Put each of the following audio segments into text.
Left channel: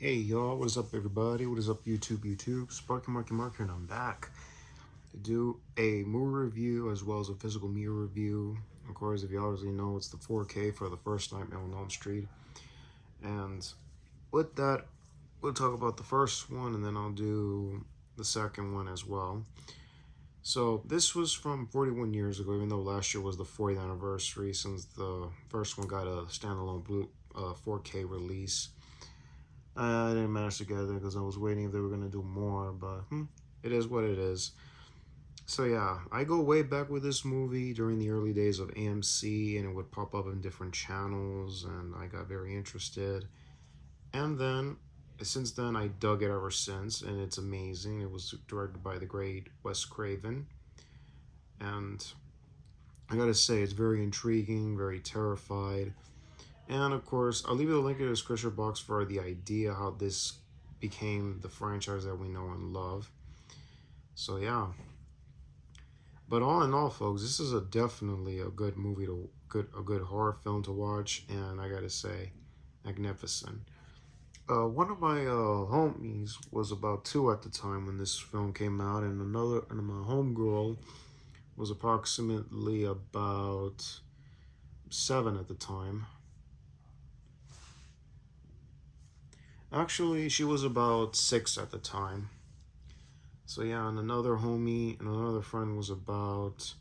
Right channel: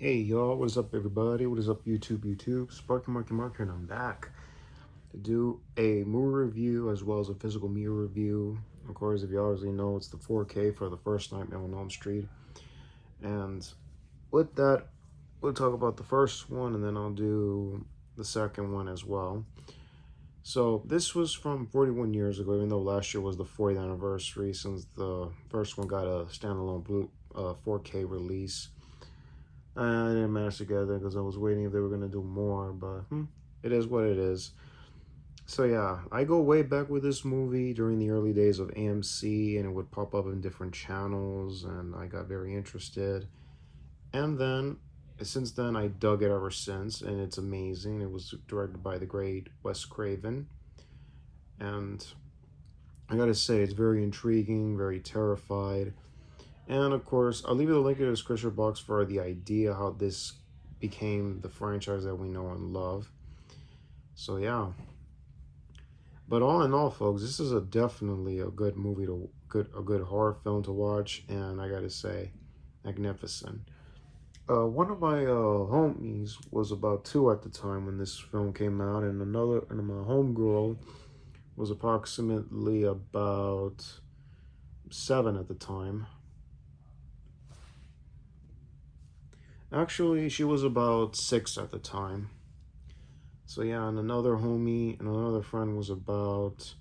Hey y'all, what is up everybody? What is up YouTube? Sparky Marky Mark here, and I'm back to do a movie review as well as a physical media review. Of course, if you already know, it's the 4K for the first Nightmare on Elm Street. And with that, we'll talk about the first one and then I'll do the second one as well. So this was from 41 years ago, even though last year was the 40th anniversary since the first one got a standalone 4K release. I didn't manage to get there because I was waiting if they were going to do more, but it is what it is. So yeah, I go way back with this movie during the early days of AMC, and it would pop up in different channels, and I got very interested. And then, since then, I dug it ever since, and it's amazing. It was directed by the great Wes Craven, and I gotta say, it's very intriguing, very terrified. And of course, I'll leave you the link in the description box for the idea how this became the franchise that we know and love. So yeah. But all in all, folks, this is definitely a good movie a good horror film to watch, and I gotta say, magnificent. One of my homies was about 2 at the time when this film came out, and my homegirl was approximately about 7 at the time. Actually, she was about 6 at the time. So yeah, and another homie and another friend was about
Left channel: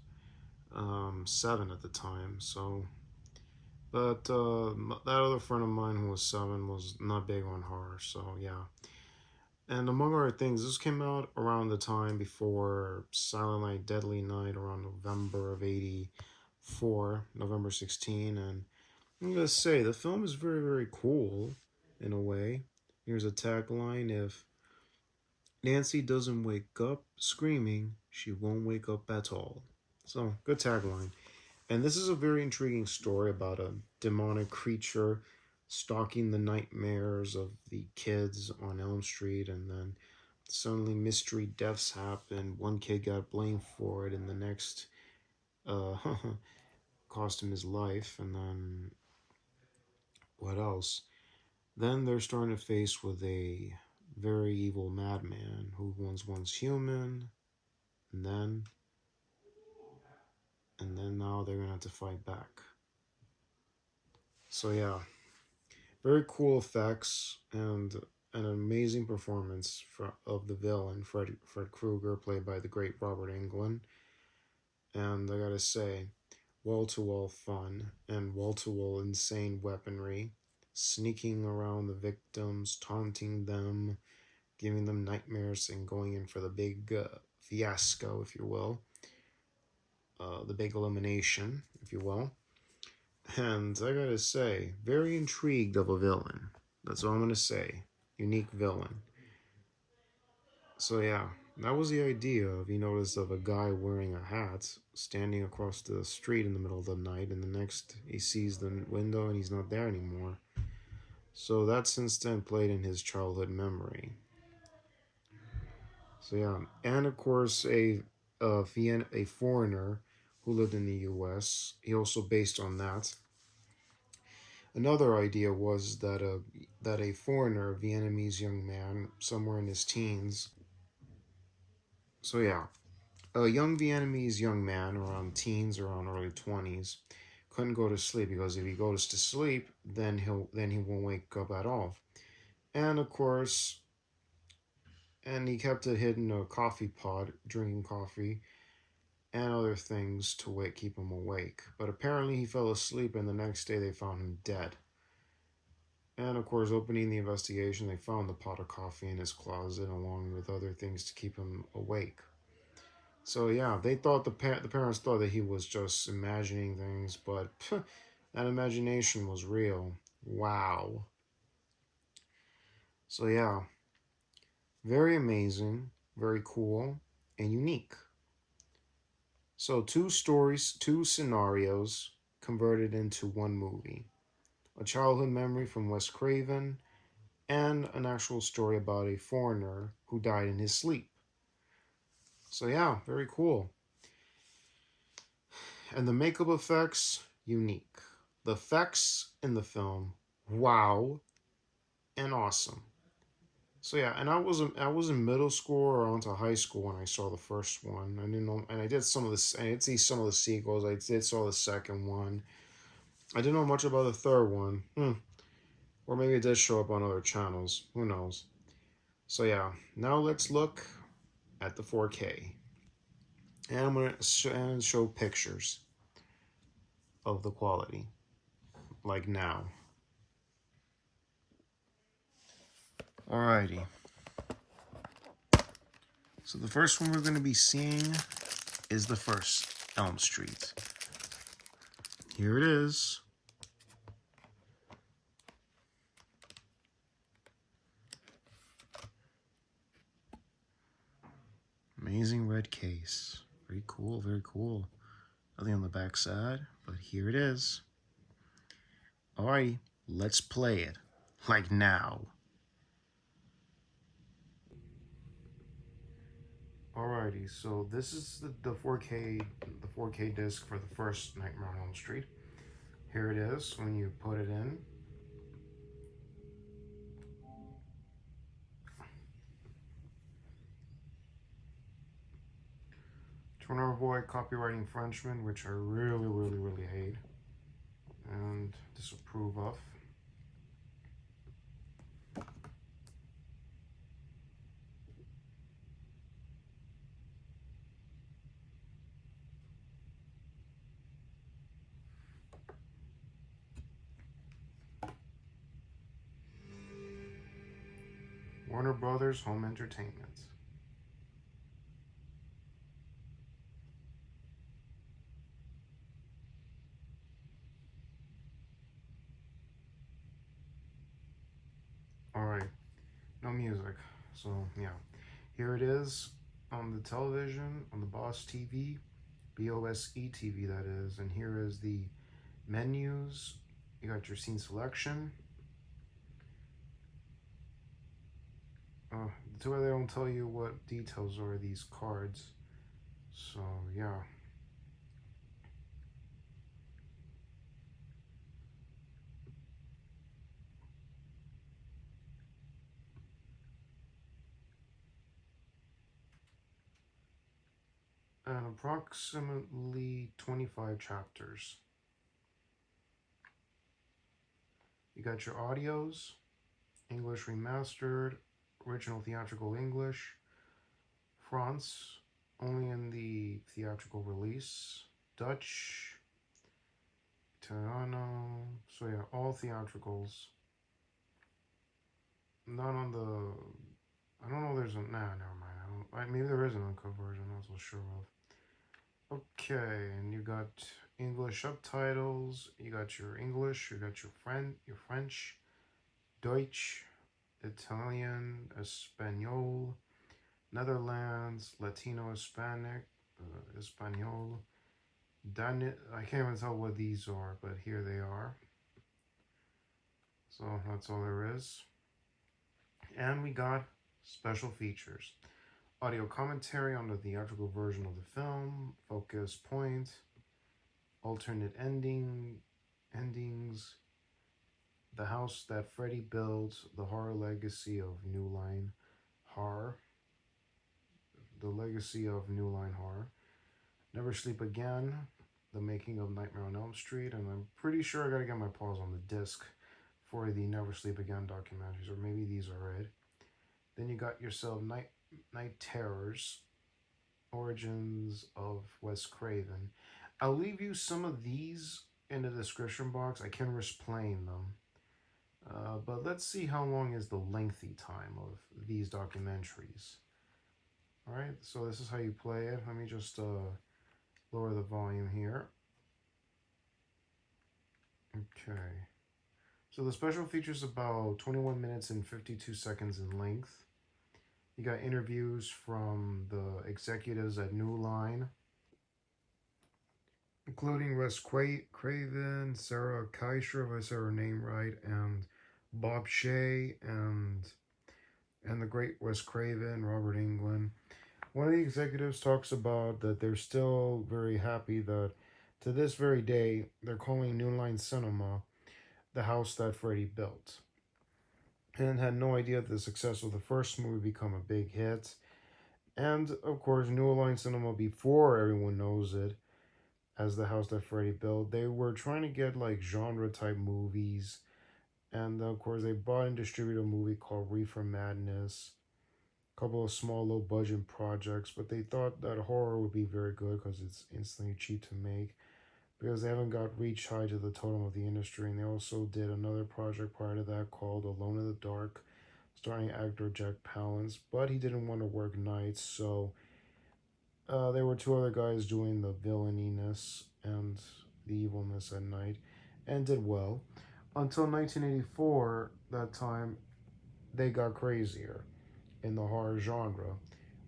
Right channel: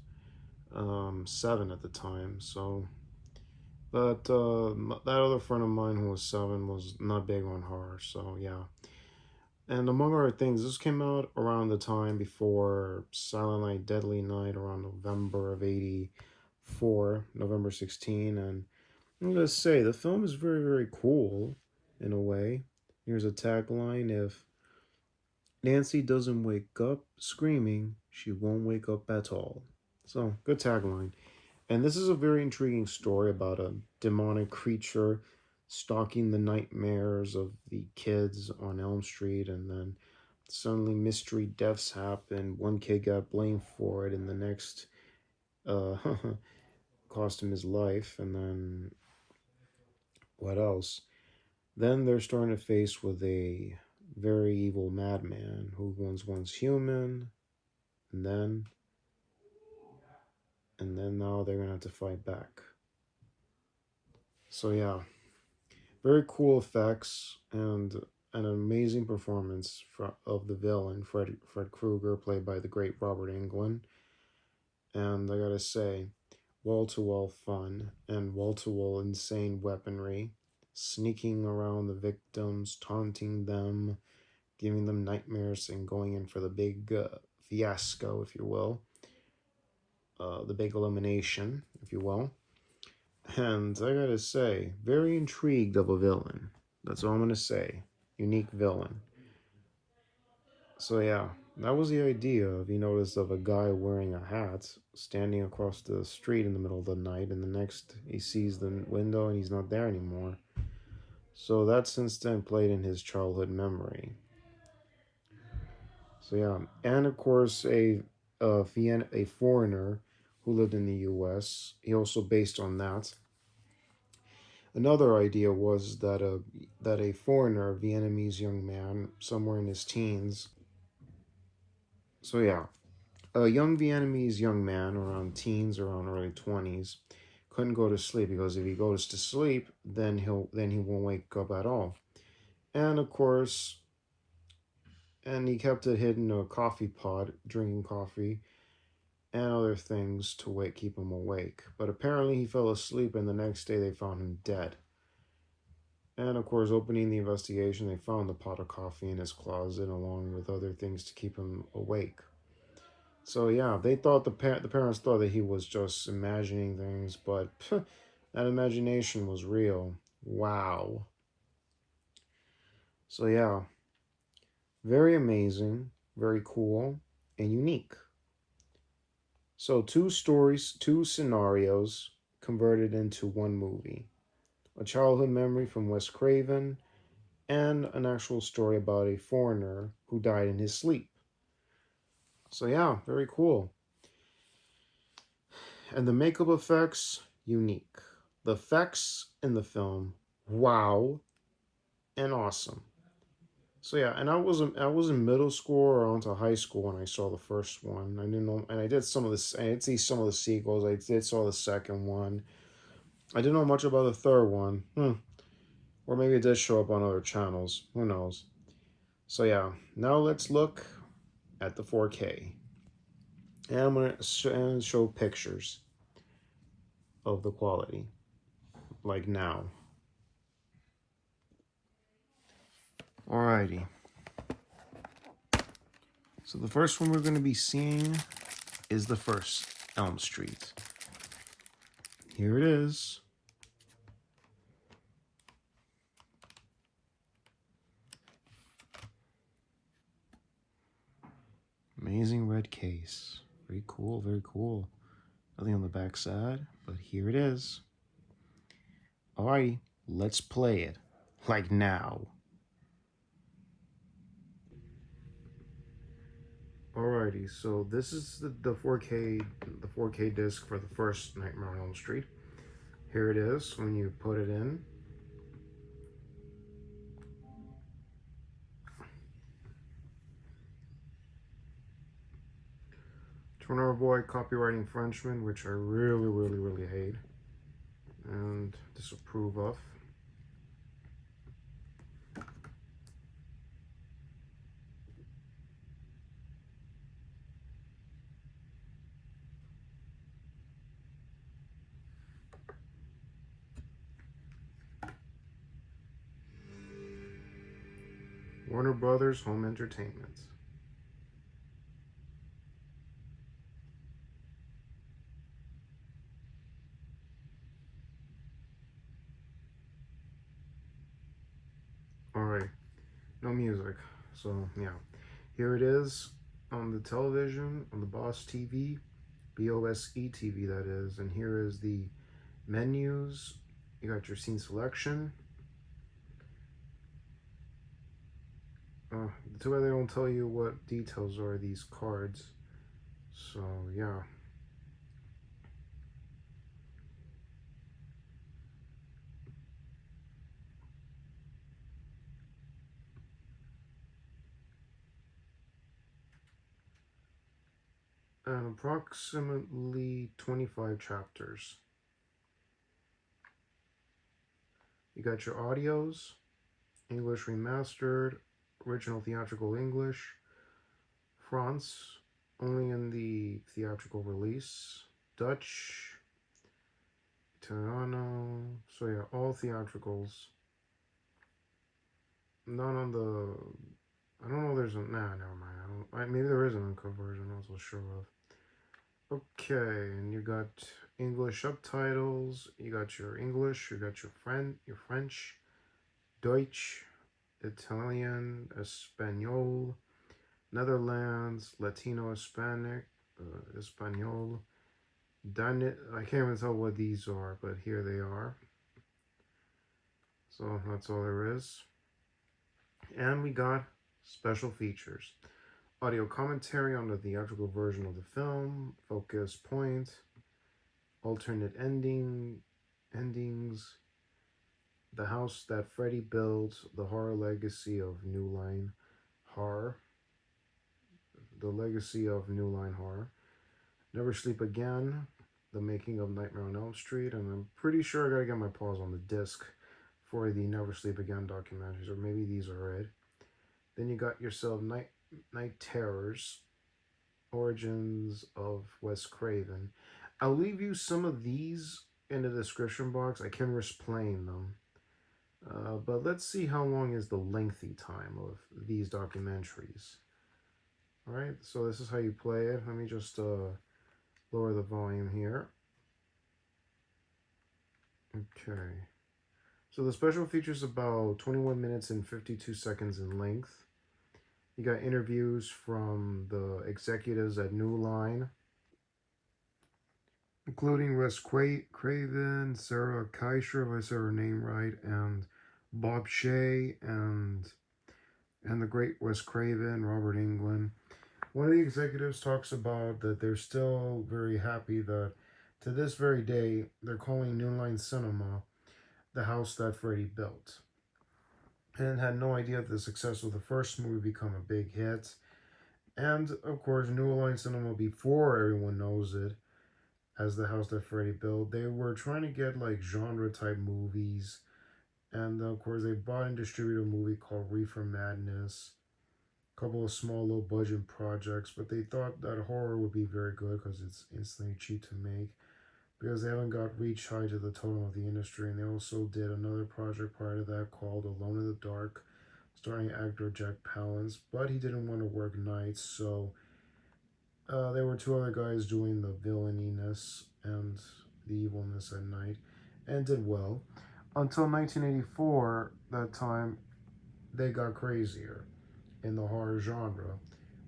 7 at the time. So, but that other friend of mine who was 7 was not big on horror. So yeah, and among other things, this came out around the time before Silent Night, Deadly Night, around November of '84, November 16. And I'm gonna say the film is very very cool in a way. Here's a tagline: If Nancy doesn't wake up screaming, she won't wake up at all. So, good tagline. And this is a very intriguing story about a demonic creature stalking the nightmares of the kids on Elm Street, and then suddenly mystery deaths happen. One kid got blamed for it, and the next uh, cost him his life. And then what else? Then they're starting to face with a very evil madman who was once human, and then now they're gonna have to fight back. So yeah, very cool effects and an amazing performance of the villain Fred Krueger, played by the great Robert Englund. And I gotta say, wall to wall fun and wall to wall insane weaponry, sneaking around the victims, taunting them, giving them nightmares, and going in for the big fiasco, if you will, the big elimination, if you will. And I gotta say, very intrigued of a villain. That's all I'm gonna say. Unique villain. So yeah, that was the idea of, you notice, of a guy wearing a hat standing across the street in the middle of the night, and the next he sees the window and he's not there anymore. So that's since then played in his childhood memory. So yeah, and of course a foreigner who lived in the U.S. He also based on that. Another idea was that a foreigner, a Vietnamese young man, somewhere in his teens. So yeah, a young Vietnamese young man around teens, around early 20s, couldn't go to sleep because if he goes to sleep, then he won't wake up at all. And of course, and he kept it hidden in a coffee pot, drinking coffee and other things to keep him awake. But apparently, he fell asleep, and the next day they found him dead. And of course, opening the investigation, they found the pot of coffee in his closet along with other things to keep him awake. So yeah, they thought the parents thought that he was just imagining things, but that imagination was real. Wow. So yeah, very amazing, very cool, and unique. So two stories, two scenarios converted into one movie. A childhood memory from Wes Craven, and an actual story about a foreigner who died in his sleep. So yeah, very cool. And the makeup effects, unique. The effects in the film, wow, and awesome. So yeah, and I was in middle school or onto high school when I saw the first one. I didn't know, and I did some of this. I did see some of the sequels. I did saw the second one. I didn't know much about the third one. Or maybe it did show up on other channels. Who knows? So yeah, now let's look at the 4K, and I'm gonna show pictures of the quality, like now. Alrighty. So the first one we're going to be seeing is the first Elm Street. Here it is. Amazing red case. Very cool, very cool. Nothing on the back side, but here it is. Alrighty, let's play it. Like now. Alrighty, so this is the 4K disc for the first Nightmare on Elm Street. Here it is when you put it in. To avoid copyright infringement, which I really hate and disapprove of. Warner Brothers Home Entertainment. Alright, no music. So, yeah. Here it is on the television, on the Boss TV, BOSE TV that is. And here is the menus. You got your scene selection. Too bad they don't tell you what details are these cards. So, yeah. And approximately 25 chapters. You got your audios, English remastered, original theatrical English, France, only in the theatrical release, Dutch, Italiano, so yeah, all theatricals. Not on the, I don't know, there's a, nah, never mind, maybe there is an uncut version, I'm not so sure of. Okay, and you got English subtitles, you got your English, you got your French, Deutsch, Italian, Espanol, Netherlands, Latino, Hispanic, Espanol, I can't even tell what these are, but here they are. So that's all there is. And we got special features. Audio commentary on the theatrical version of the film, focus point, alternate endings, the house that Freddy built, the horror legacy of New Line Horror, the legacy of New Line Horror, Never Sleep Again, the making of Nightmare on Elm Street, and I'm pretty sure I gotta get my paws on the disc for the Never Sleep Again documentaries, or maybe these are it. Then you got yourself Night Terrors, Origins of Wes Craven. I'll leave you some of these in the description box. I can risk playing them. But let's see how long is the lengthy time of these documentaries. Alright, so this is how you play it. Let me just lower the volume here. Okay. So the special features about 21 minutes and 52 seconds in length. You got interviews from the executives at New Line, including Wes Craven, Sarah Keisher, if I said her name right, and Bob Shea, and the great Wes Craven, Robert Englund. One of the executives talks about that they're still very happy that to this very day, they're calling New Line Cinema the house that Freddy built. and had no idea that the success of the first movie would become a big hit. And of course, New Line Cinema, before everyone knows it, as the house that Freddy built, they were trying to get like genre type movies. And of course, they bought and distributed a movie called Reefer Madness, a couple of small low budget projects, but they thought that horror would be very good because it's instantly cheap to make, because they haven't got reach high to the totem of the industry. And they also did another project prior to that called Alone in the Dark, starring actor Jack Palance, but he didn't want to work nights, so there were two other guys doing the villaininess and the evilness at night, and did well. Until 1984, that time, they got crazier in the horror genre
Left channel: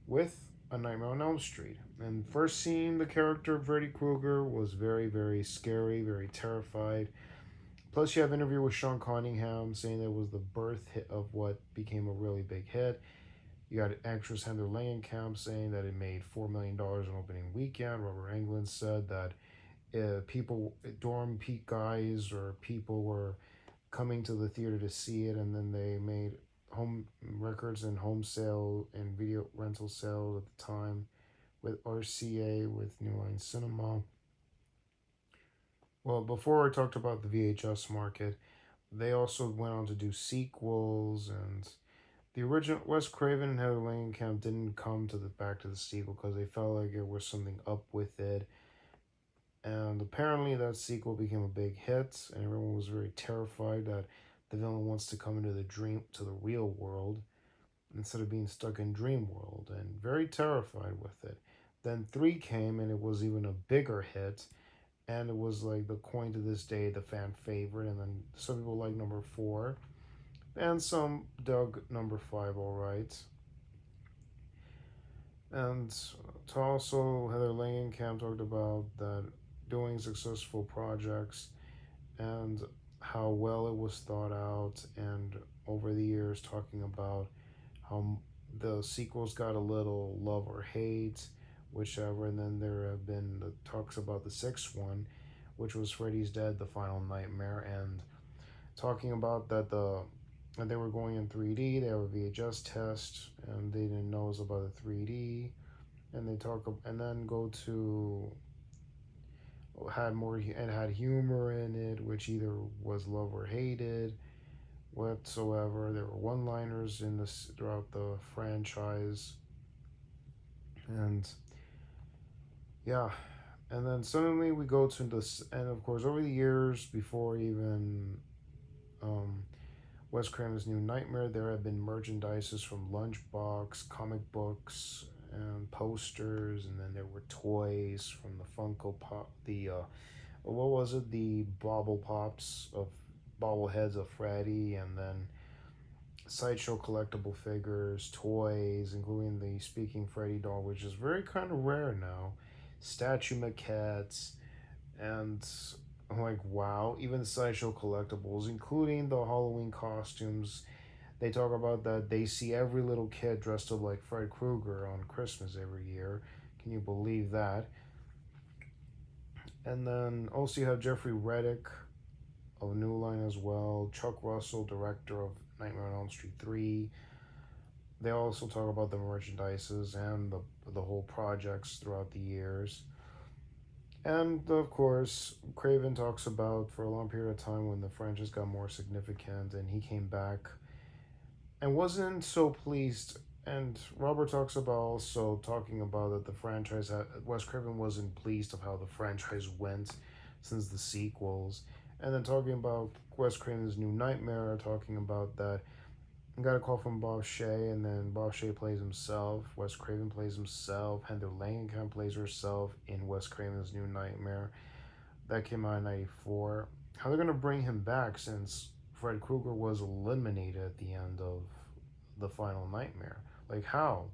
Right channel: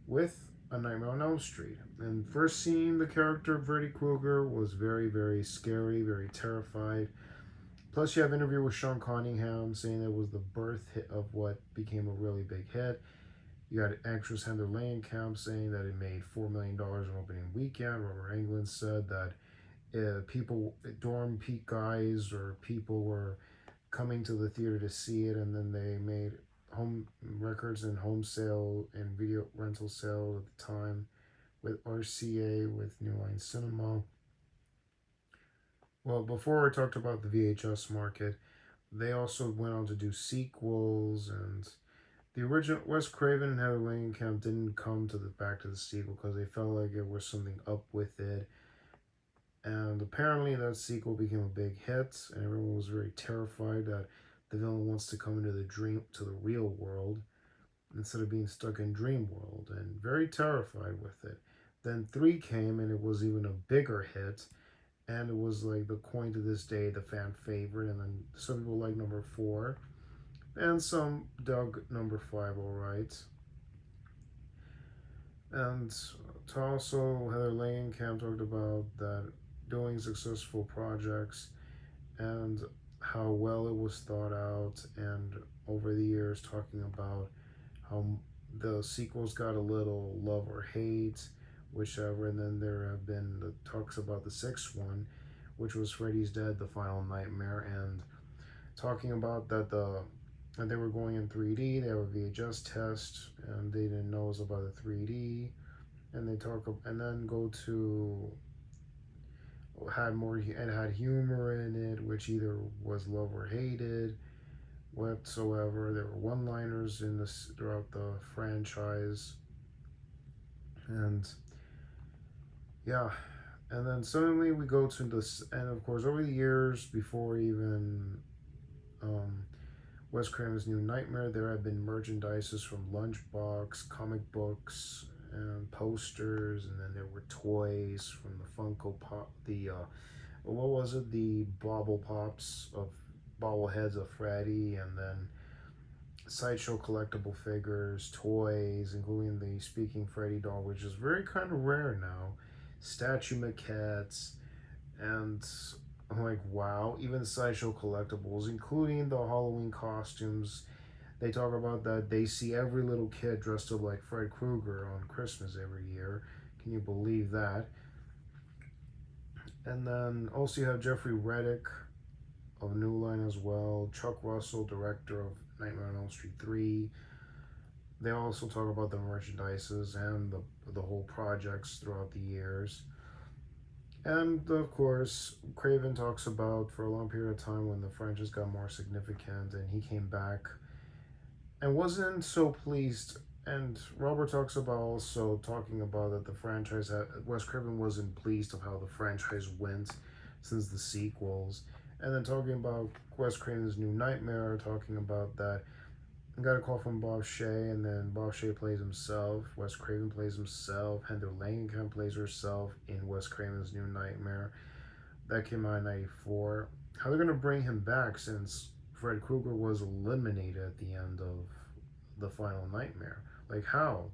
with A Nightmare on Elm Street. And first seeing the character of Freddy Krueger was very, very scary, very terrified. Plus, you have an interview with Sean Cunningham saying it was the birth hit of what became a really big hit. You got actress Heather Langenkamp saying that it made $4 million in opening weekend. Robert Englund said that people, dorm peak guys or people were coming to the theater to see it, and then they made home records and home sale and video rental sale at the time with RCA, with New Line Cinema. Well, before I talked about the VHS market, they also went on to do sequels, and the original Wes Craven and Heather Langenkamp didn't come to the back to the sequel because they felt like it was something up with it. And apparently that sequel became a big hit, and everyone was very terrified that the villain wants to come into the real world instead of being stuck in dream world, and very terrified with it. Then 3 came, and it was even a bigger hit, and it was like the coin to this day, the fan favorite. And then some people like number 4, and some dug number 5 all right. And also Heather Langenkamp talked about that doing successful projects and how well it was thought out, and over the years talking about how the sequels got a little love or hate, whichever. And then there have been the talks about the 6th one, which was Freddy's Dead, The Final Nightmare, and talking about that they were going in 3D, they have a VHS test, and they didn't know it was about the 3D, and they talk, and then go to had humor in it, which either was love or hated whatsoever. There were one-liners in this throughout the franchise, and yeah. And then suddenly we go to this, and of course over the years, before even Wes Craven's New Nightmare, there have been merchandises from Lunchbox, comic books, and posters, and then there were toys from the Funko Pop, the what was it, the Bobble Pops of bobbleheads of Freddy, and then Sideshow collectible figures, toys, including the Speaking Freddy doll, which is very kind of rare now, statue maquettes, and I'm like, wow, even Sideshow collectibles, including the Halloween costumes. They talk about that they see every little kid dressed up like Fred Krueger on Christmas every year. Can you believe that? And then also you have Jeffrey Reddick of New Line as well. Chuck Russell, director of Nightmare on Elm Street 3. They also talk about the merchandises and the whole projects throughout the years. And of course, Craven talks about for a long period of time when the franchise got more significant, and he came back and wasn't so pleased. And Robert talks about also talking about that the franchise, Wes Craven wasn't pleased of how the franchise went since the sequels. And then talking about Wes Craven's New Nightmare, talking about that I got a call from Bob Shea, and then Bob Shea plays himself, Wes Craven plays himself, Heather Langenkamp plays herself in Wes Craven's New Nightmare. That came out in 94. How they're going to bring him back since Fred Krueger was eliminated at the end of The Final Nightmare? Like, how?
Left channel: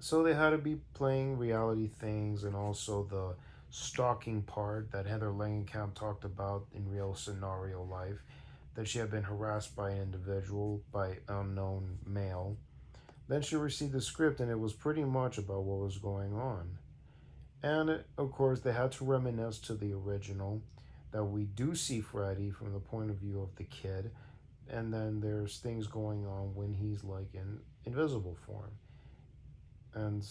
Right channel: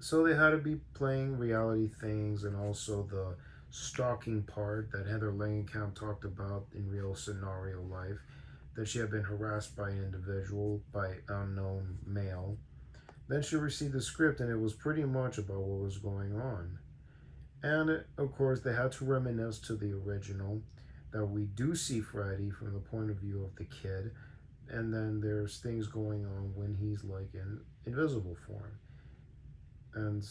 So they had to be playing reality things, and also the stalking part that Heather Langenkamp talked about in real scenario life, that she had been harassed by an individual, by an unknown male. Then she received the script, and it was pretty much about what was going on. And of course, they had to reminisce to the original, that we do see Freddy from the point of view of the kid, And then there's things going on when he's like in invisible form. And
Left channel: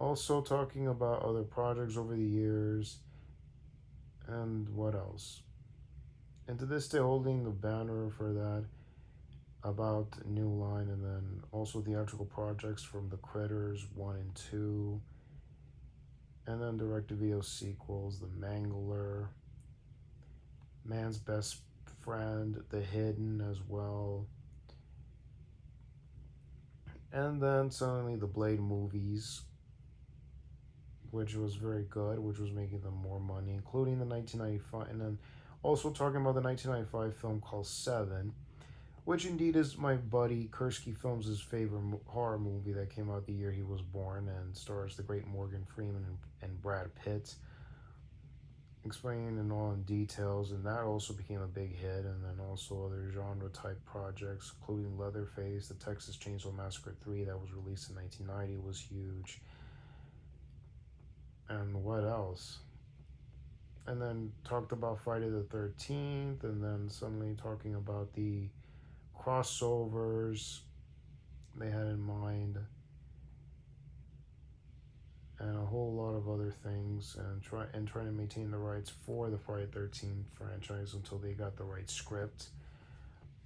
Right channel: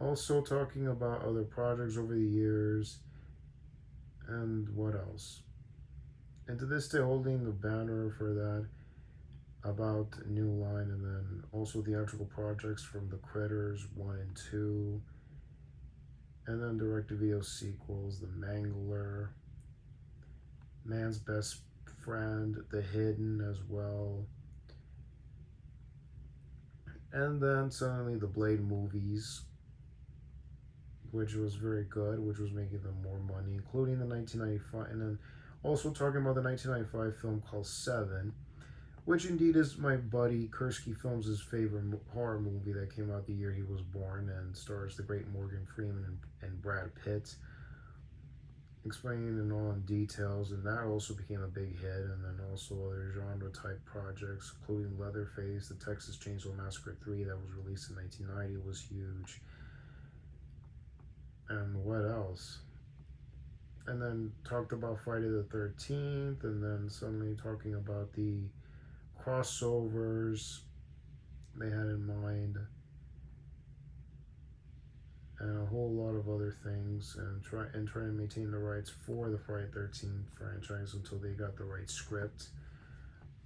also talking about other projects over the years. And what else? And to this day, holding the banner for that about New Line, and then also theatrical projects from The Critters 1 and 2, and then direct-to-video sequels, The Mangler, Man's Best Friend, The Hidden as well, and then suddenly the Blade movies, which was very good, which was making them more money, including the 1995, and then also talking about the 1995 film called Seven, which indeed is my buddy Kursky Films' favorite horror movie that came out the year he was born, and stars the great Morgan Freeman and Brad Pitt, explaining in all in details, and that also became a big hit. And then also other genre type projects, including Leatherface, The Texas Chainsaw Massacre 3 that was released in 1990 was huge. And what else? And then talked about Friday the 13th, and then suddenly talking about the crossovers they had in mind, and a whole lot of other things, and trying to maintain the rights for the Friday 13th franchise until they got the right script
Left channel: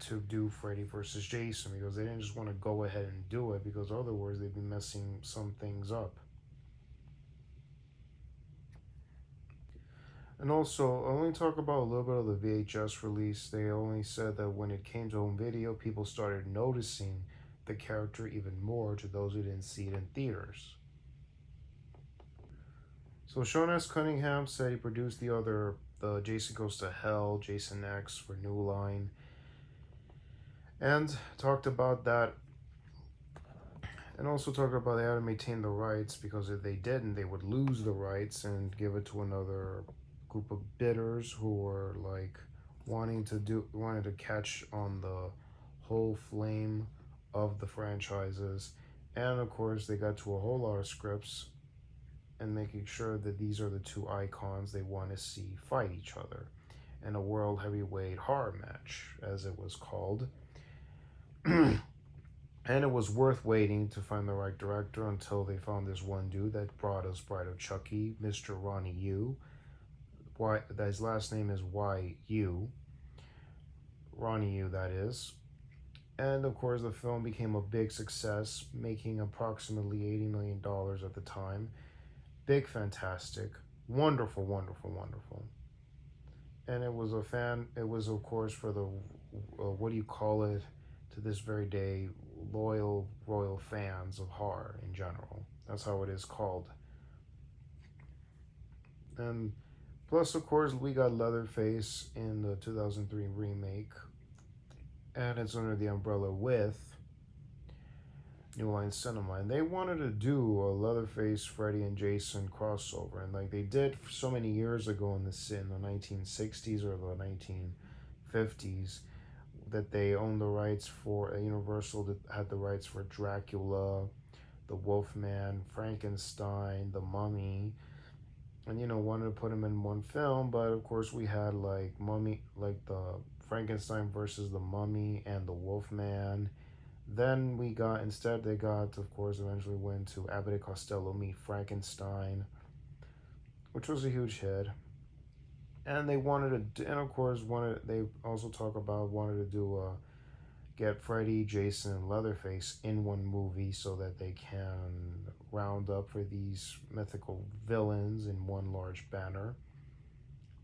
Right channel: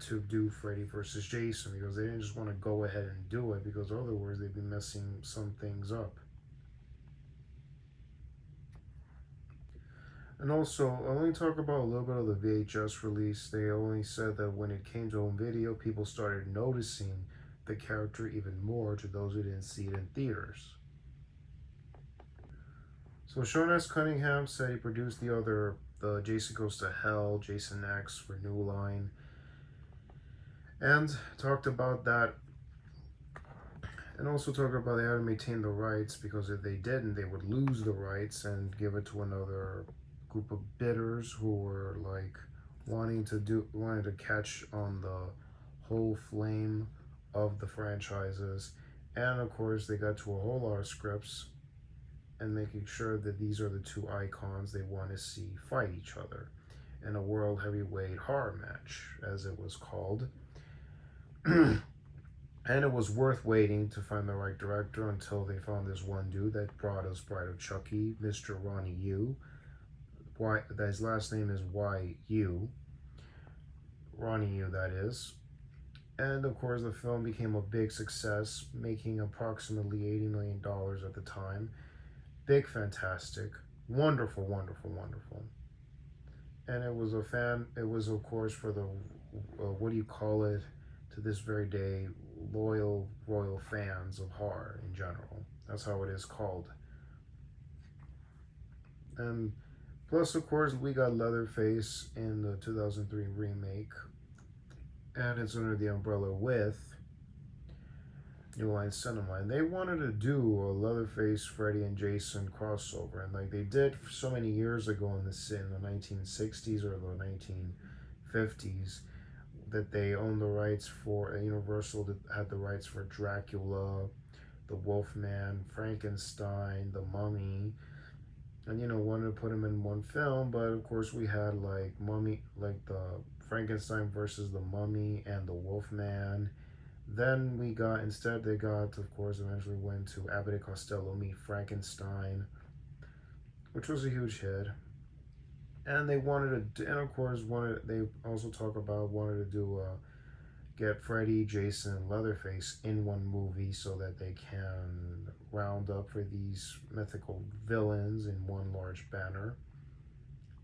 to do Freddy versus Jason, because they didn't just want to go ahead and do it, because otherwise they'd be messing some things up. And also, I'll only talk about a little bit of the VHS release. They only said that when it came to home video, people started noticing the character even more to those who didn't see it in theaters. So Sean S. Cunningham said he produced the Jason Goes to Hell, Jason X for New Line, and talked about that, and also talked about they had to maintain the rights, because if they didn't, they would lose the rights and give it to another group of bidders who were like wanted to catch on the whole flame of the franchises. And of course they got to a whole lot of scripts and making sure that these are the two icons they want to see fight each other in a world heavyweight horror match, as it was called. And it was worth waiting to find the right director until they found this one dude that brought us Bride of Chucky, Mr. Ronnie Yu. His last name is Y.U. Ronnie Yu, that is. And of course, the film became a big success, making approximately $80 million at the time. Big, fantastic, wonderful, wonderful, wonderful. And it was of course, for the, what do you call it, to this very day, loyal fans of horror in general. That's how it is called. And plus, of course, we got Leatherface in the 2003 remake, and it's under the umbrella with New Line Cinema. And they wanted to do a Leatherface, Freddy, and Jason crossover, and like they did so many years ago in the 1960s or the 1950s, that they owned the rights for Universal that had the rights for Dracula, the Wolfman, Frankenstein, the Mummy. And wanted to put him in one film, but of course we had like the Frankenstein versus the Mummy and the Wolfman. Then they got, of course, eventually went to Abbott and Costello Meet Frankenstein, which was a huge hit. And they wanted to, and of course they also wanted to do get Freddy, Jason, and Leatherface in one movie so that they can round up for these mythical villains in one large banner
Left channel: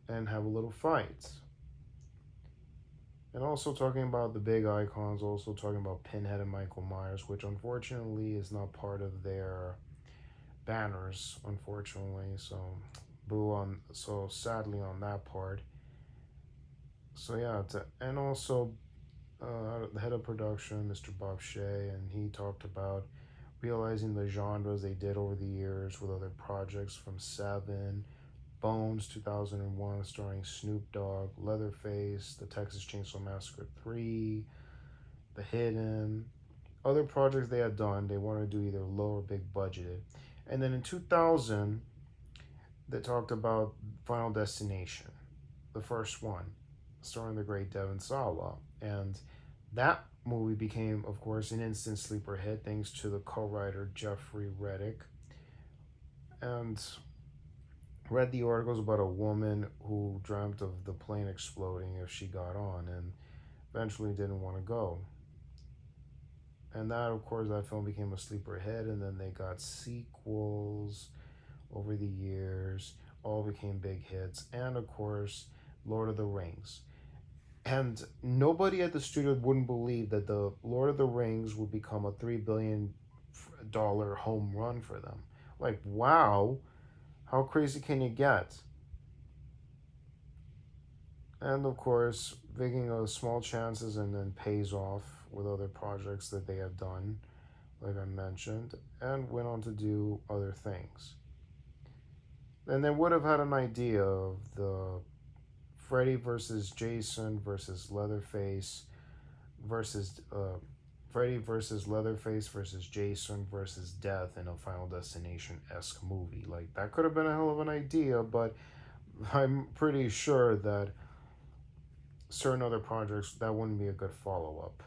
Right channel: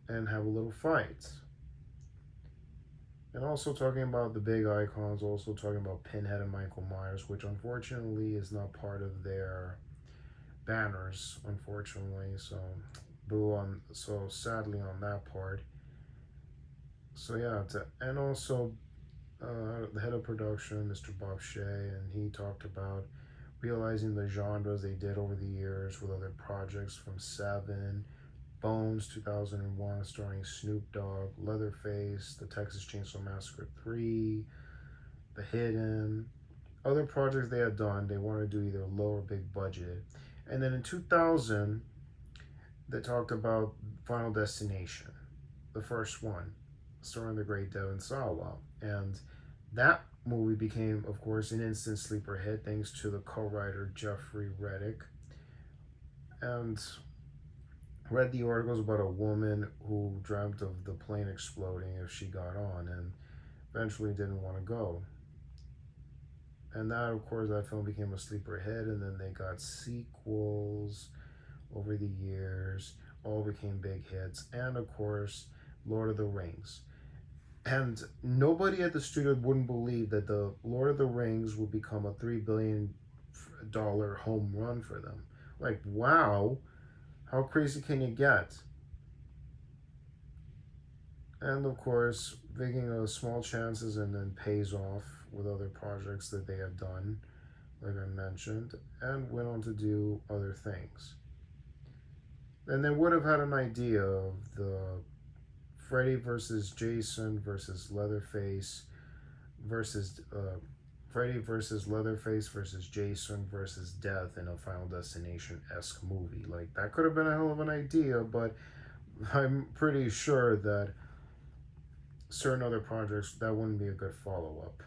and have a little fight. And also talking about the big icons, also talking about Pinhead and Michael Myers, which unfortunately is not part of their banners, unfortunately. So sadly on that part. So yeah, and also the head of production, Mr. Bob Shea, and he talked about realizing the genres they did over the years with other projects from Seven, Bones 2001 starring Snoop Dogg, Leatherface, The Texas Chainsaw Massacre 3, The Hidden, other projects they had done. They wanted to do either low or big budget. And then in 2000, they talked about Final Destination, the first one, starring the great Devon Sawa. And That movie became, of course, an instant sleeper hit thanks to the co-writer Jeffrey Reddick. And read the articles about a woman who dreamt of the plane exploding if she got on and eventually didn't want to go. And that, of course, that film became a sleeper hit, and then they got sequels over the years, all became big hits, and of course, Lord of the Rings. And nobody at the studio wouldn't believe that the Lord of the Rings would become a $3 billion home run for them. Like, wow, how crazy can you get? And of course, taking small chances and then pays off with other projects that they have done, like I mentioned, and went on to do other things. And they would have had an idea of the Freddy versus Jason versus Leatherface versus Freddy versus Leatherface versus Jason versus Death in a Final Destination-esque movie. Like, that could have been a hell of an idea, but I'm pretty sure that certain other projects, that wouldn't be a good follow-up.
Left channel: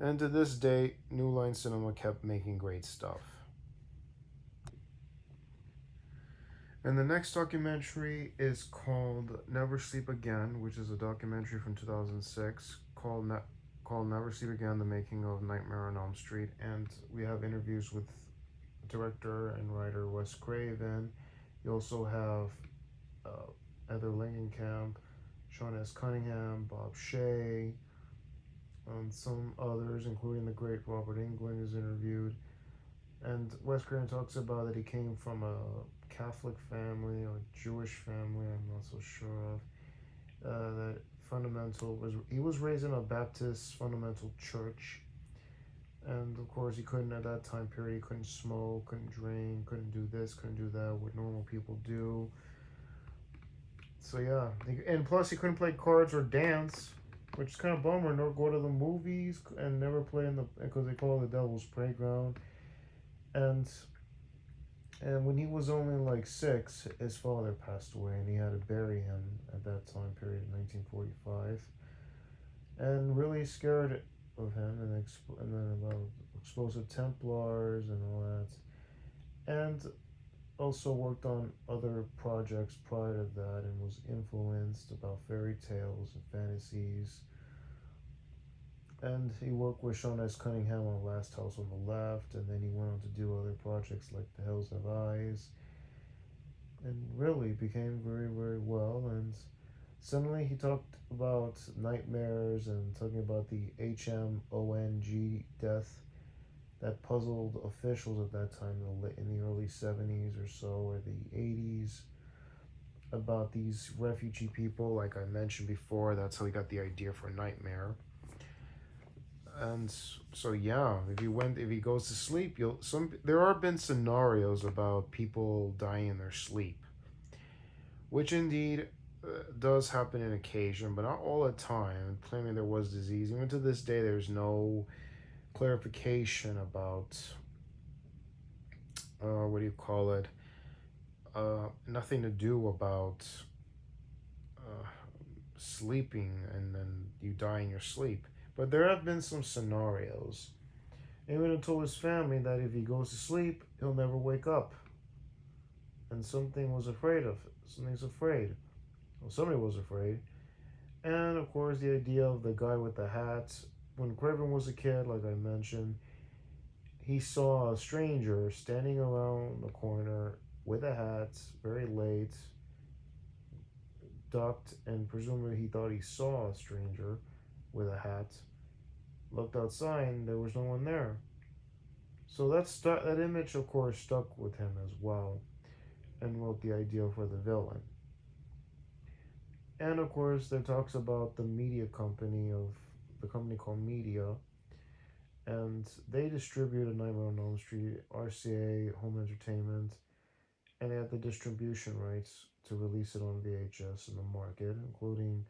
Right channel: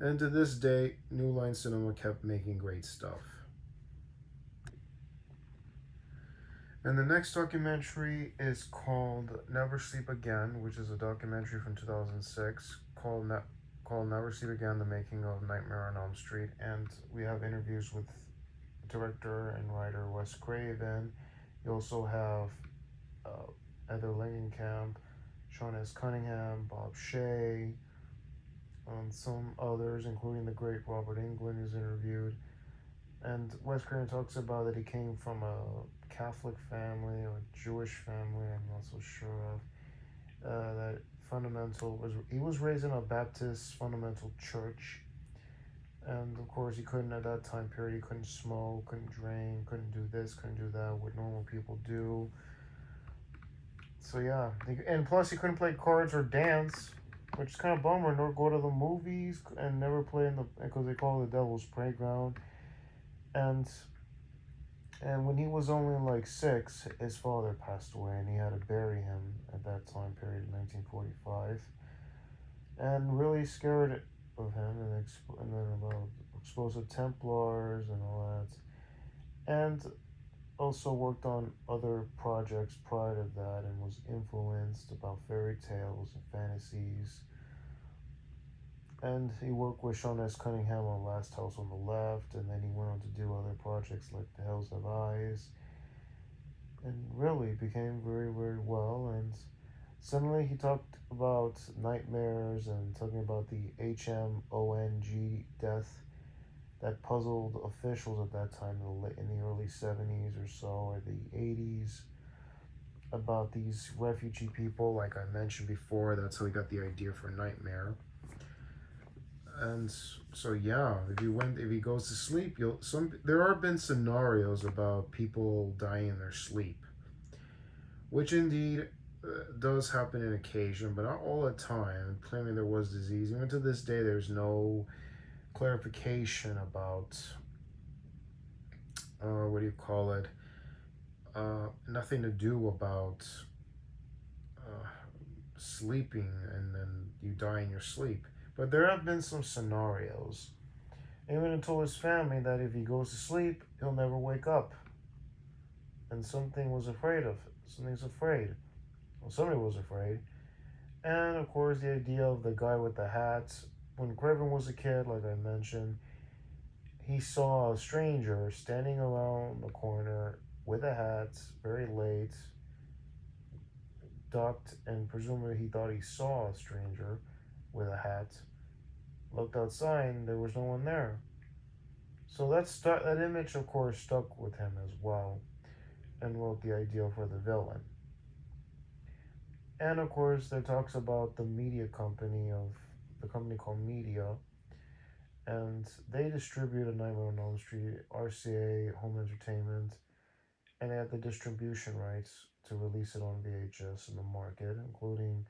And to this day, New Line Cinema kept making great stuff. And the next documentary is called Never Sleep Again, which is a documentary from 2006 called Never Sleep Again, The Making of Nightmare on Elm Street. And we have interviews with director and writer Wes Craven. You also have Heather Langenkamp, Sean S. Cunningham, Bob Shea, and some others, including the great Robert Englund, is interviewed. And Wes Craven talks about that he came from a Catholic family, a Jewish family, I'm not so sure of. That he was raised in a Baptist fundamental church. And of course, he couldn't, at that time period, he couldn't smoke, couldn't drink, couldn't do this, couldn't do that, what normal people do. So yeah, and plus he couldn't play cards or dance, which is kind of bummer. Nor go to the movies and never play because they call it the Devil's Playground. And when he was only like 6, his father passed away, and he had to bury him at that time period in 1945. And really scared of him, and then about explosive Templars and all that. And also worked on other projects prior to that, and was influenced about fairy tales and fantasies. And he worked with Sean S. Cunningham on Last House on the Left, and then he went on to do other projects like The Hills Have Eyes, and really became very, very well. And suddenly he talked about nightmares and talking about the HMONG death that puzzled officials at that time in the early 70s or so, or the 80s, about these refugee people, like I mentioned before. That's how he got the idea for Nightmare. And so yeah, if he goes to sleep, there have been scenarios about people dying in their sleep, which indeed does happen in occasion, but not all the time. Claiming there was disease, even to this day, there's no clarification about nothing to do about sleeping and then you die in your sleep. But there have been some scenarios. Even told his family that if he goes to sleep, he'll never wake up. And something was afraid of it. Something's afraid. Well, somebody was afraid. And of course, the idea of the guy with the hat. When Craven was a kid, like I mentioned, he saw a stranger standing around the corner with a hat, very late, ducked, and presumably he thought he saw a stranger with a hat. Looked outside, and there was no one there. So that image, of course, stuck with him as well, and wrote the idea for the villain. And of course, there talks about the media company the company called Media, and they distributed Nightmare on Elm Street, RCA Home Entertainment, and they had the distribution rights to release it on VHS in the market, including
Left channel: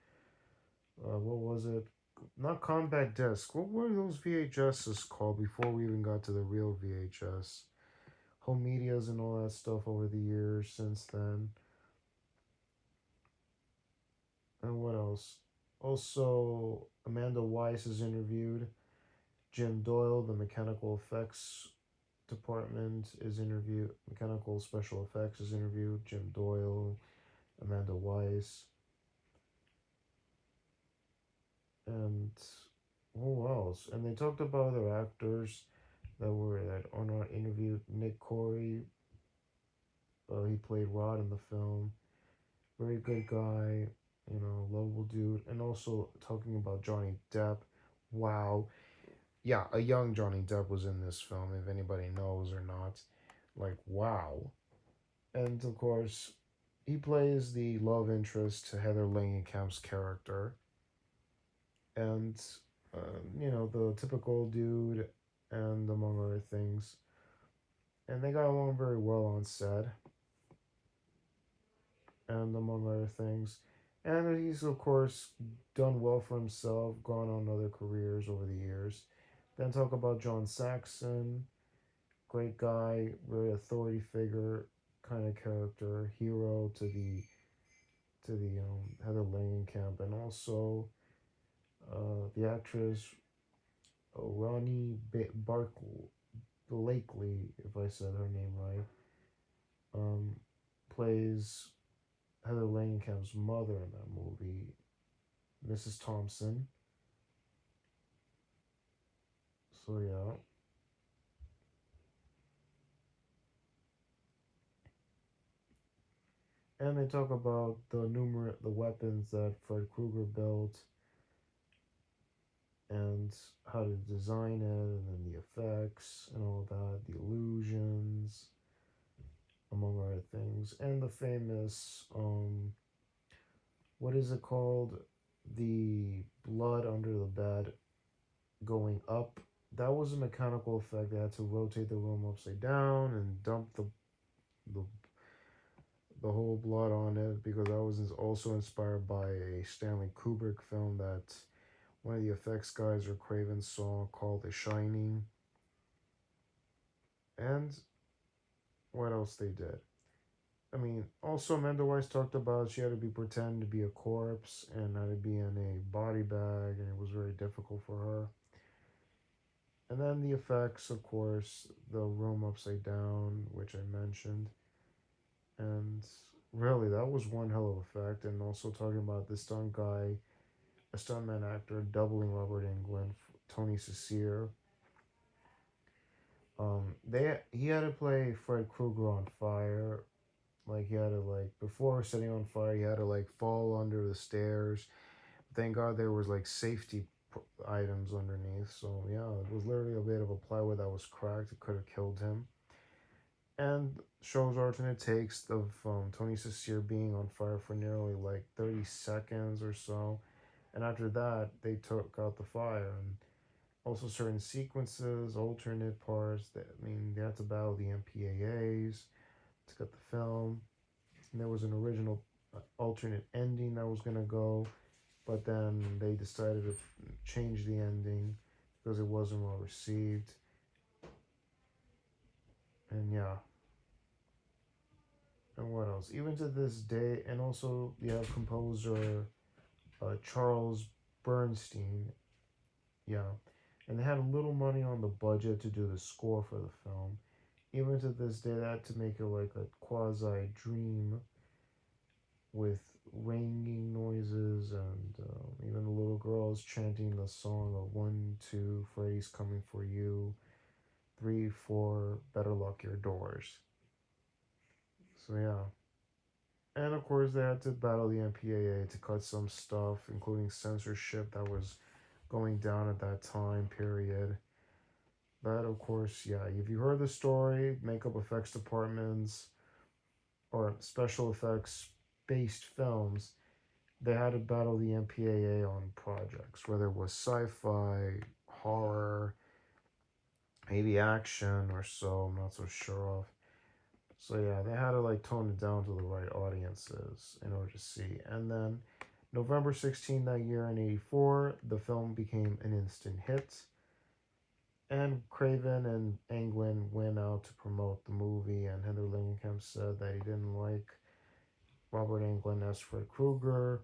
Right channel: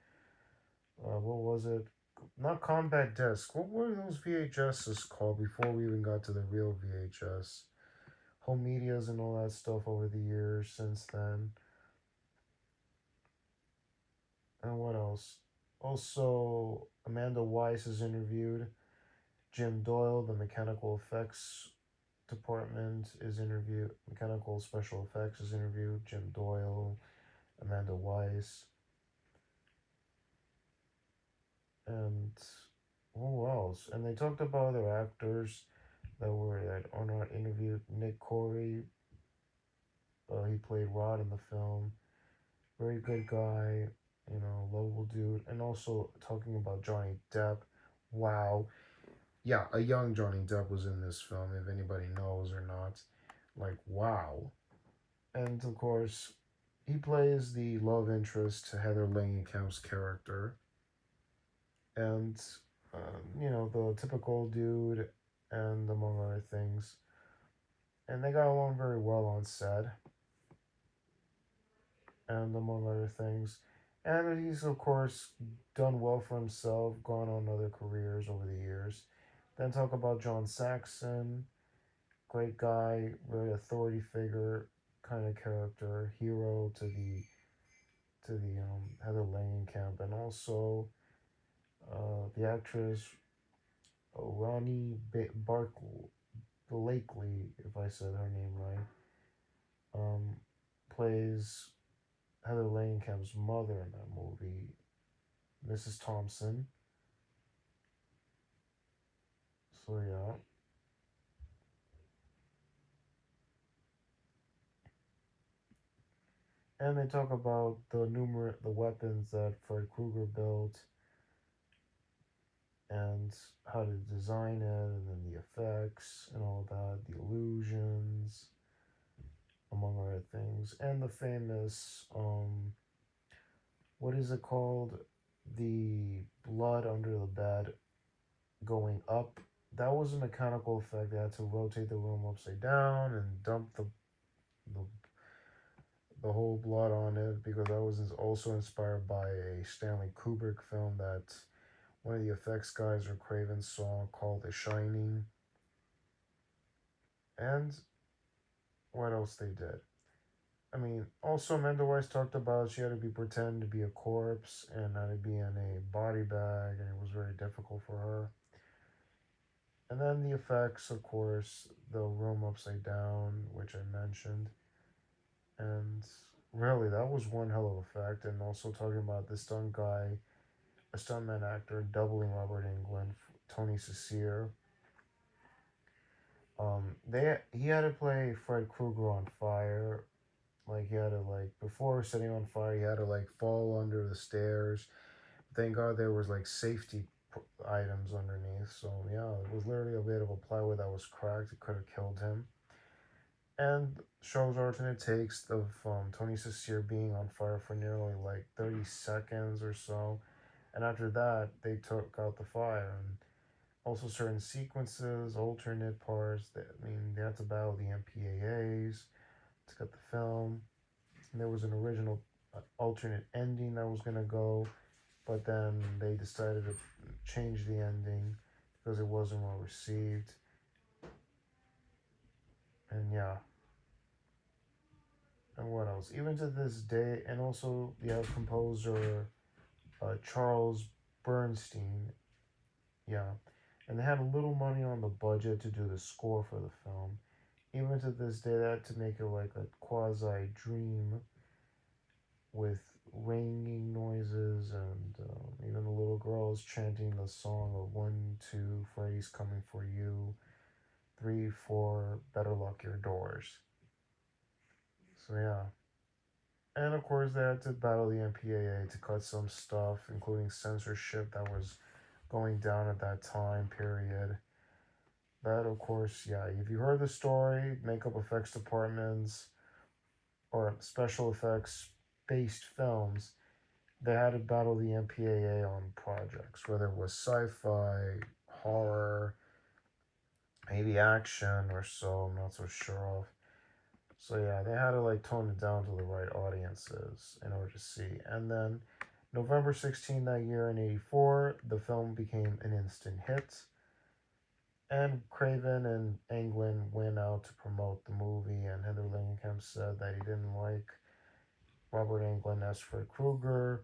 what was it? Not compact disc. What were those VHSs called before we even got to the real VHS? Home medias and all that stuff over the years since then. And what else? Also, Amanda Weiss is interviewed. Jim Doyle, the mechanical effects department, is interviewed. Mechanical special effects is interviewed. Jim Doyle, Amanda Weiss, and who else? And they talked about other actors that are not interviewed. Nick Corey, he played Rod in the film. Very good guy, lovable dude. And also talking about Johnny Depp. Wow. Yeah, a young Johnny Depp was in this film, if anybody knows or not. Like, wow. And of course, he plays the love interest to Heather Langenkamp's character. And, the typical dude, and among other things. And they got along very well on set, and among other things. And he's, of course, done well for himself, gone on other careers over the years. Then talk about John Saxon, great guy, very authority figure kind of character, hero to the Heather Langenkamp, and also the actress Ronnie Blakely, if I said her name right, plays Heather Langenkamp's mother in that movie, Mrs. Thompson. So yeah. And they talk about the weapons that Fred Krueger built, and how to design it, and then the effects and all that, the illusions, among other things, and the famous what is it called? The blood under the bed going up. That was a mechanical effect. They had to rotate the room upside down and dump the the whole blood on it, because that was also inspired by a Stanley Kubrick film that one of the effects guys or Craven saw called The Shining. And what else they did? I mean, also Amanda Weiss talked about she had to be pretend to be a corpse and had to be in a body bag, and it was very difficult for her. And then the effects, of course, the room upside down, which I mentioned. And really, that was one hell of effect. And also talking about the stunt guy, a stuntman actor doubling Robert Englund, Tony Cecere. He had to play Fred Krueger on fire. Like, he had to, before setting on fire, he had to fall under the stairs. Thank God there was safety items underneath. So yeah, it was literally a bit of a plywood that was cracked. It could have killed him. And shows alternate takes of Tony Cecere being on fire for nearly 30 seconds or so. And after that, they took out the fire. And also certain sequences, alternate parts. They had to battle the MPAAs to get the film. And there was an original alternate ending that was going to go, but then they decided to change the ending because it wasn't well received. And yeah. And what else? Even to this day, and also the composer Charles Bernstein. Yeah. And they had a little money on the budget to do the score for the film. Even to this day, they had to make it like a quasi dream with ringing noises, and even the little girls chanting the song of 1, 2, Freddy's coming for you, 3, 4, better lock your doors. So yeah. And of course, they had to battle the MPAA to cut some stuff, including censorship that was going down at that time period. But of course, yeah, if you heard the story, makeup effects departments or special effects based films, they had to battle the MPAA on projects, whether it was sci-fi, horror, maybe action or so, I'm not so sure of. So yeah, they had to tone it down to the right audiences in order to see. And then November 16 that year in 84, the film became an instant hit. And Craven and Englund went out to promote the movie, and Heather Langenkamp said that he didn't like Robert Englund as Fred Krueger.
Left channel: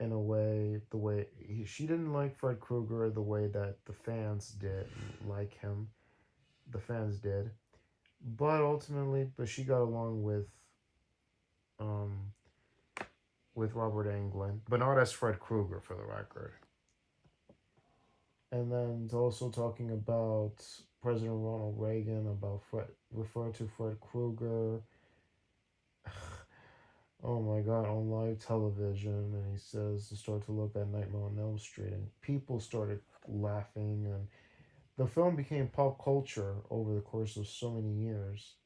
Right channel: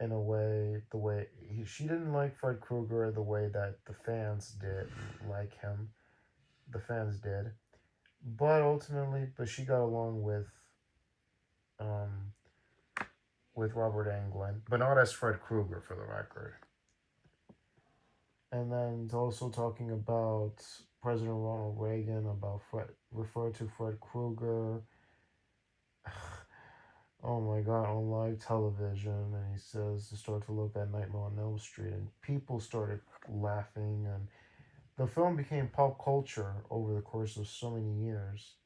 in a way, she didn't like Fred Krueger the way that the fans did like him. The fans did, but ultimately, she got along um with Robert Englund, but not as Fred Krueger for the record. And then it's also talking about President Ronald Reagan, about referred to Fred Krueger. Oh my God, on live television, and he says to start to look at Nightmare on Elm Street, and people started laughing, and the film became pop culture over the course of so many years.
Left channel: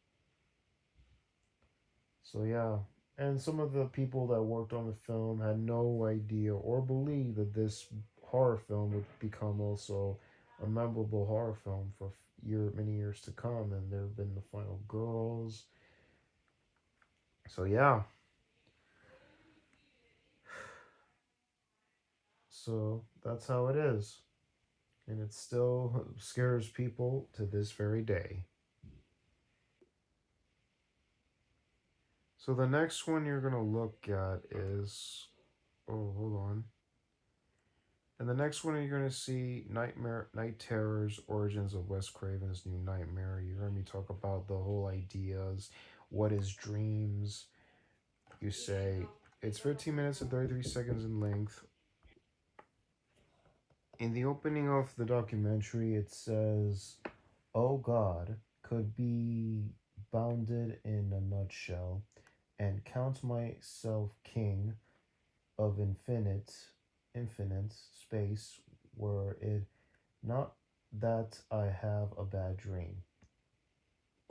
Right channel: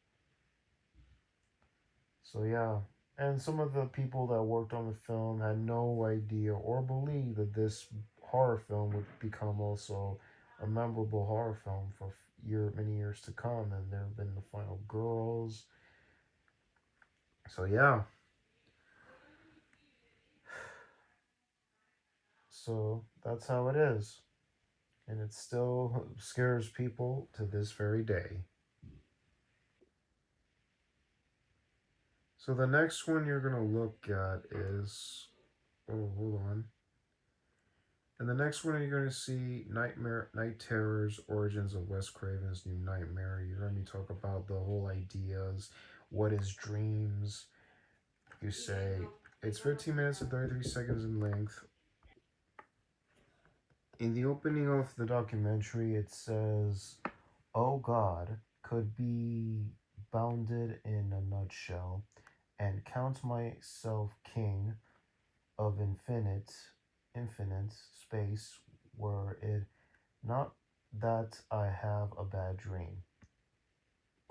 So yeah, and some of the people that worked on the film had no idea or believed that this horror film would become also a memorable horror film for many years to come. And there have been the final girls. So yeah, so that's how it is, and it still scares people to this very day. So the next one you're gonna look at is, oh, hold on. And the next one you're going to see Night Terrors, Origins of Wes Craven's New Nightmare. You heard me talk about the whole ideas. What is dreams? You say it's 15 minutes and 33 seconds in length. In the opening of the documentary, it says, "Oh God could be bounded in a nutshell, and count myself king of infinite space, were it not that I have a bad dream."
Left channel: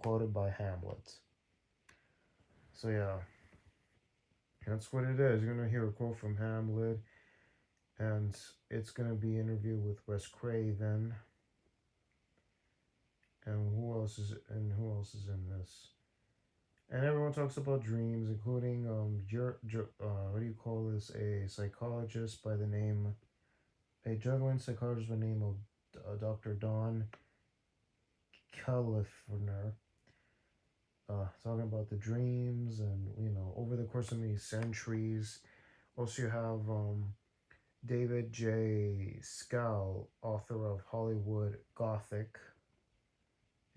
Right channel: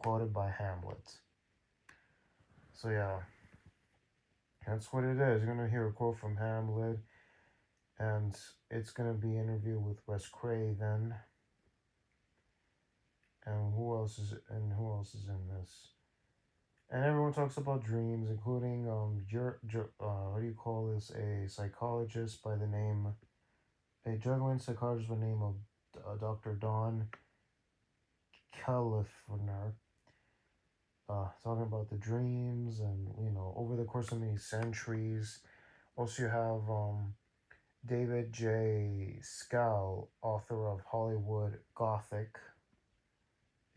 Quoted by Hamlet. So yeah, that's what it is. You're gonna hear a quote from Hamlet, and it's gonna be an interview with Wes Craven. And who else is in this? And everyone talks about dreams, including what do you call this? A psychologist by the name, a juggling psychologist by the name of Dr. Don Califano, talking about the dreams, and over the course of many centuries. Also, you have David J. Scal, author of Hollywood Gothic,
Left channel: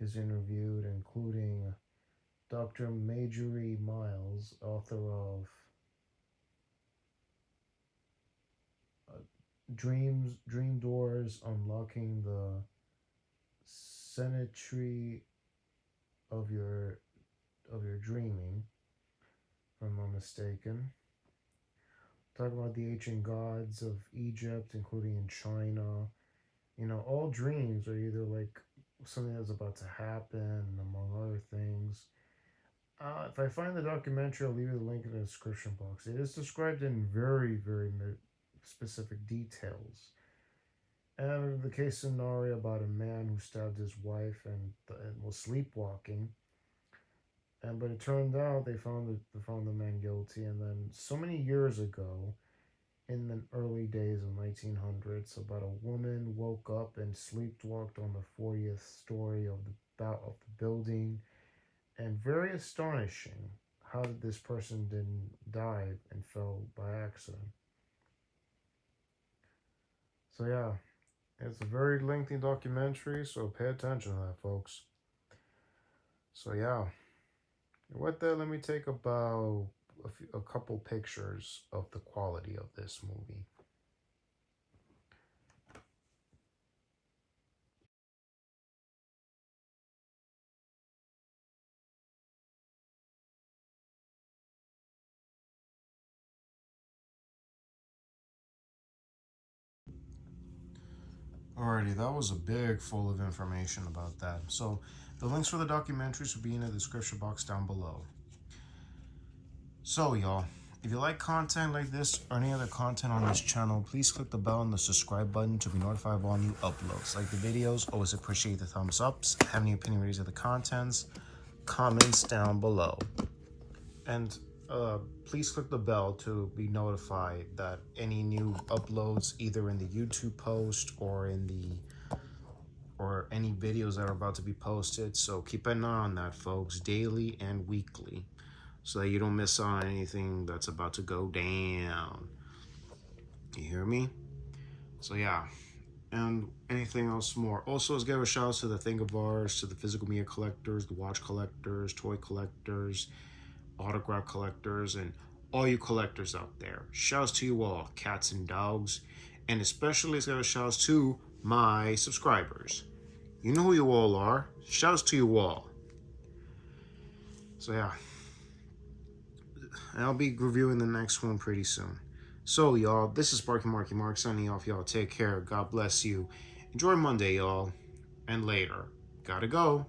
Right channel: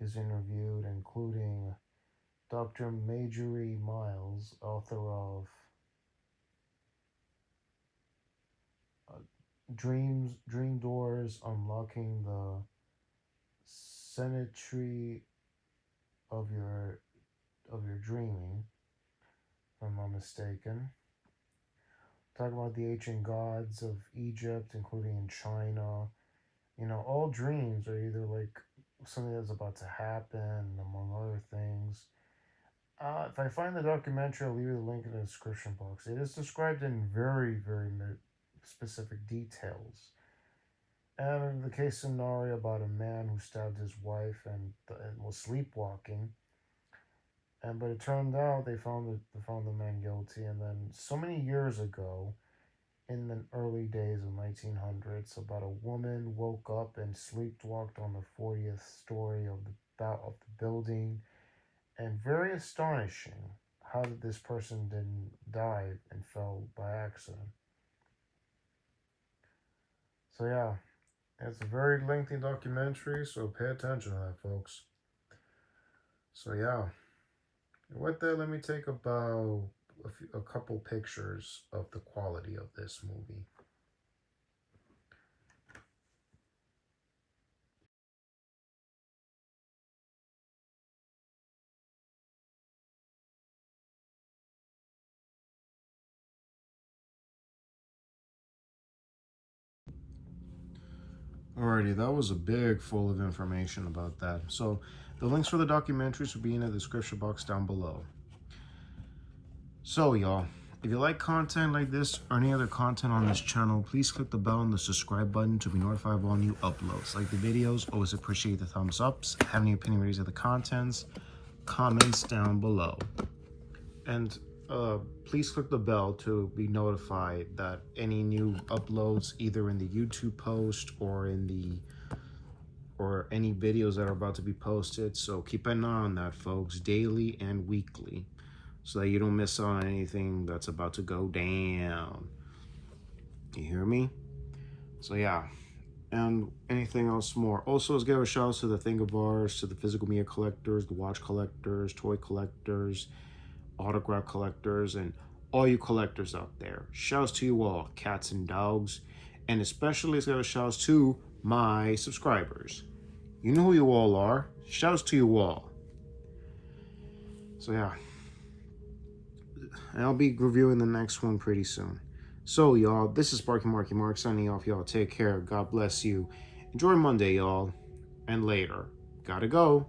is interviewed, including Dr. Marjorie Miles, author of Dream Doors, Unlocking the Symmetry of your dreaming, if I'm not mistaken. Talking about the ancient gods of Egypt, including in China. All dreams are either like something that's about to happen, among other things. If I find the documentary, I'll leave you the link in the description box. It is described in very, very specific details. And the case scenario about a man who stabbed his wife and was sleepwalking. But it turned out they found the man guilty. And then so many years ago, in the early days of 1900s, about a woman woke up and sleepwalked on the 40th story of the building, and very astonishing how this person didn't die and fell by accident. So yeah, it's a very lengthy documentary, so pay attention to that, folks. So yeah, with that, let me take about a couple pictures of the quality of this movie. Alrighty, that was a big full of information about that. So the links for the documentaries will be in the description box down below. So y'all, if you like content like this or any other content on this channel, please click the bell and the subscribe button to be notified of all new uploads. Like the videos, always appreciate the thumbs ups. Have any opinion ratings of the contents, comments down below. And please click the bell to be notified that any new uploads, either in the YouTube post or any videos that are about to be posted. So keep an eye on that, folks, daily and weekly, so that you don't miss out on anything that's about to go down. You hear me? So yeah. And anything else more. Also, let's give a shout out to the Thingavars, to the physical media collectors, the watch collectors, toy collectors, autograph collectors, and all you collectors out there. Shouts to you all, cats and dogs. And especially let's give a shout out to my subscribers. You know who you all are. Shouts to you all. So yeah. And I'll be reviewing the next one pretty soon. So y'all, this is Sparky Marky Mark signing off. Y'all take care. God bless you. Enjoy Monday, y'all. And later. Gotta go.